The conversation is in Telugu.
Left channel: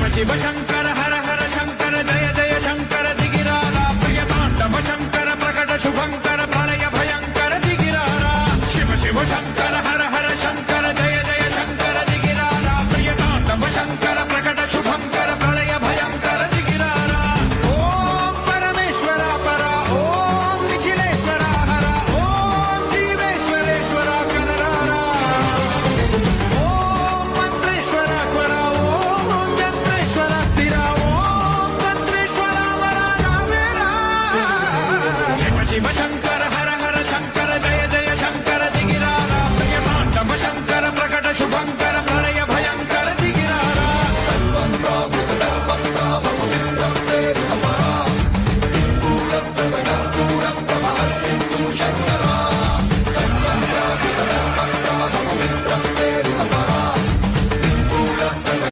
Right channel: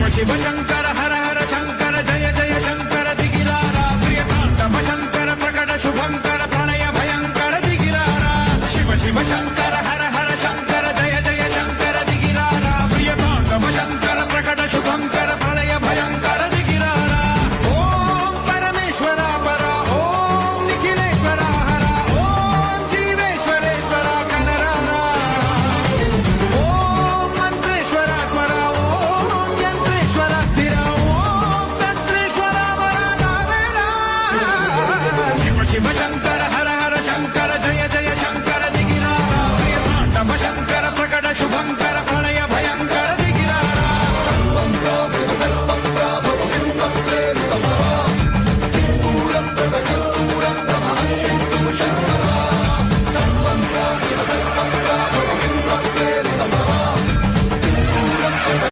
శివ శివ శంకర హర హర శంకర జయ జయ శంకర దిగిరారా ప్రియ తాండవ శంకర ప్రకట శుభంకర ప్రణయ భయంకర దిగిరారా శివ శివ శంకర హర హర శంకర జయ జయ శంకర దిగిరారా ప్రియ తాండవ శంకర ప్రకట శుభంకర ప్రళయ భయంకర దిగిరారా ఓం పరమేశ్వర పర ఓం నిఖిలేశ్వర హర ఓం జీవేశ్వరేశ్వర కరరారా ఓం మంత్రేశ్వర స్వర ఓం యంత్రేశ్వర స్థిర